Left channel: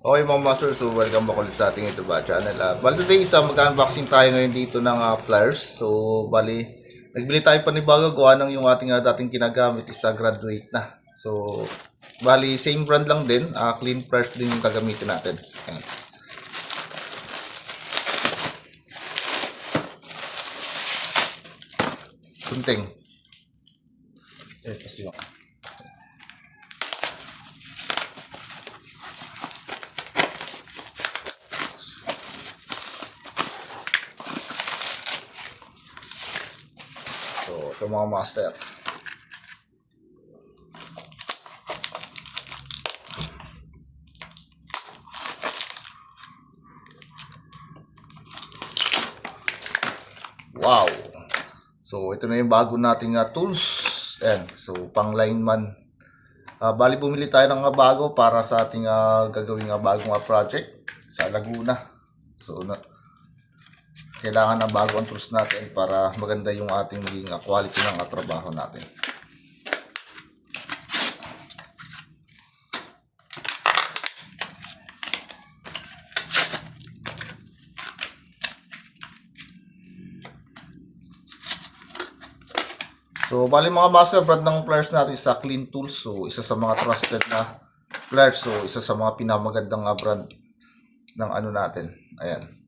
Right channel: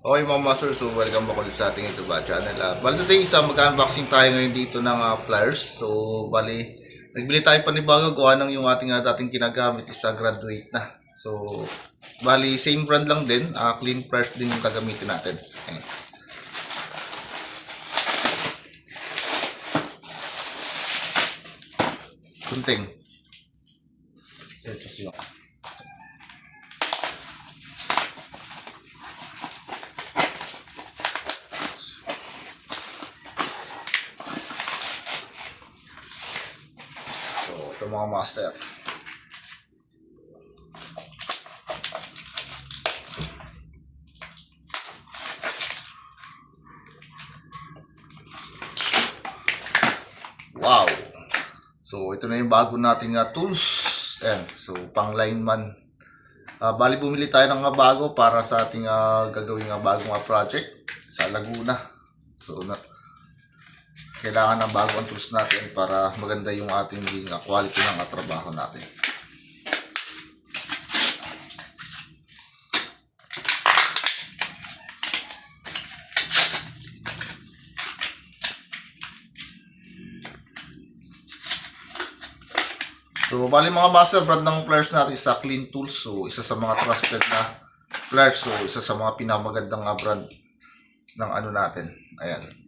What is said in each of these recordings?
Okay mga master, so welcome back ulit sa ating YouTube channel. Bali today mag-unboxing tayo ngayon dito ng pliers. So bali, nagbili tayo panibago gawa ng yung ating dating ginagamit is graduate na. So bali same brand lang din, clean pliers din yung gagamitin natin. Ayan. Kunting. Ito siya. So, ito mga master. Wow! So, ito na yung bago nating tools. Ayan. So, pang lineman. Bali, bumili tayo ng bago para sa ating gagawing bagong project sa Laguna. So, kailangan ng bago ang tools natin para maganda yung ating quality ng trabaho natin. So, bali mga master, brand ng pliers natin sa Clean Tools. So, isa sa mga trusted na pliers. So, isa sa mga pinamagandang brand ng ano natin. Ayan.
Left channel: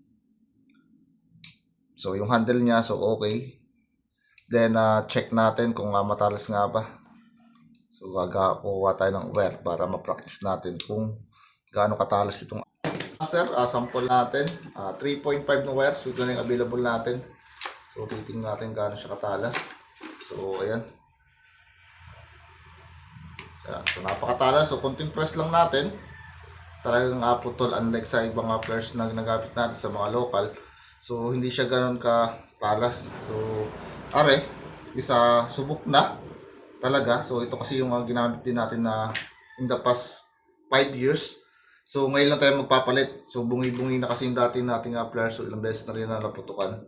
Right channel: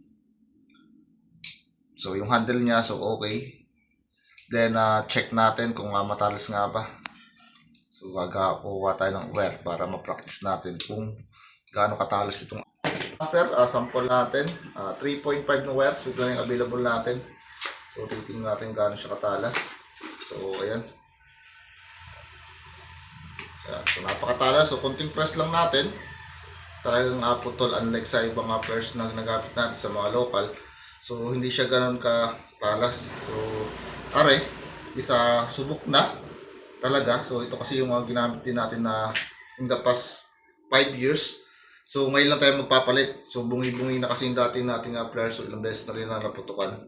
So, yung handle niya, so okay. Then, check natin kung matalas nga ba. So, kukuha tayo ng wire para ma-practice natin kung gaano katalas itong master. Sample natin. 3.5 na wire. So, ito yung available natin. So, titingnan natin gaano siya katalas. So, ayan. Ayan. So, napakatalas. So, kunting press lang natin. Talagang putol, unlike sa ibang pliers na nagamit natin sa mga local. So, hindi siya ganoon katalas. So, isa subok na talaga. So, ito kasi yung ginamit din natin na in the past 5 years. So, ngayon lang tayo magpapalit. So, bungi-bungi na kasi yung dating nating pliers. So, ilang beses na rin na naputukan.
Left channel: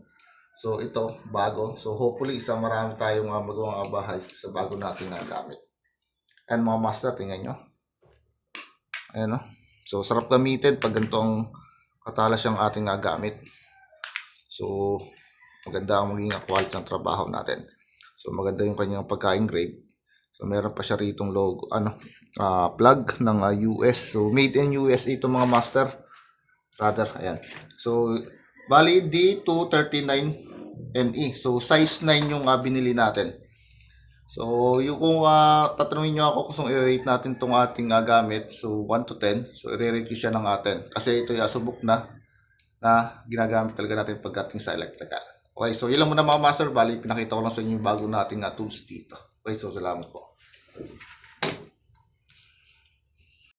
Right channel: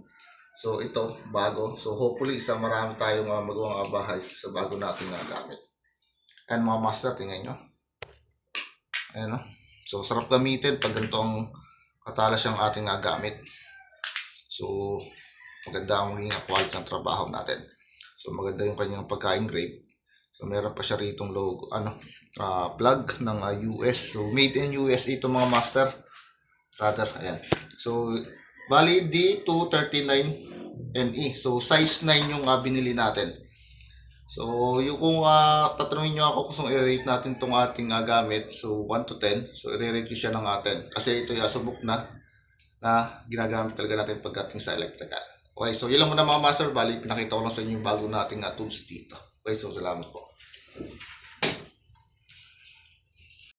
So, ito, bago. So, hopefully, marami tayong magawang bahay sa bago nating gamit. And mga master, tingnan nyo. Ayan o. So, sarap gamitin pag ganito ang katalas yung ating gamit. So, maganda ang maging quality ng trabaho natin. So, maganda yung kanyang pagka-engrave. So, meron pa siya ritong logo, plug ng US. So, made in US ito mga master. Rather, ayan. So, bali D239NE. So, size 9 yung binili natin. So, yung kung tatanungin nyo ako kung i-rate natin itong ating gamit. So, 1 to 10. So, i-rate ko siya ng 10. Kasi ito yung subok na ginagamit talaga natin pagdating sa electrical. Okay, so yun lang muna mga master. Bali, pinakita ko lang sa inyo yung bago nating tools dito. Okay, so salamat po.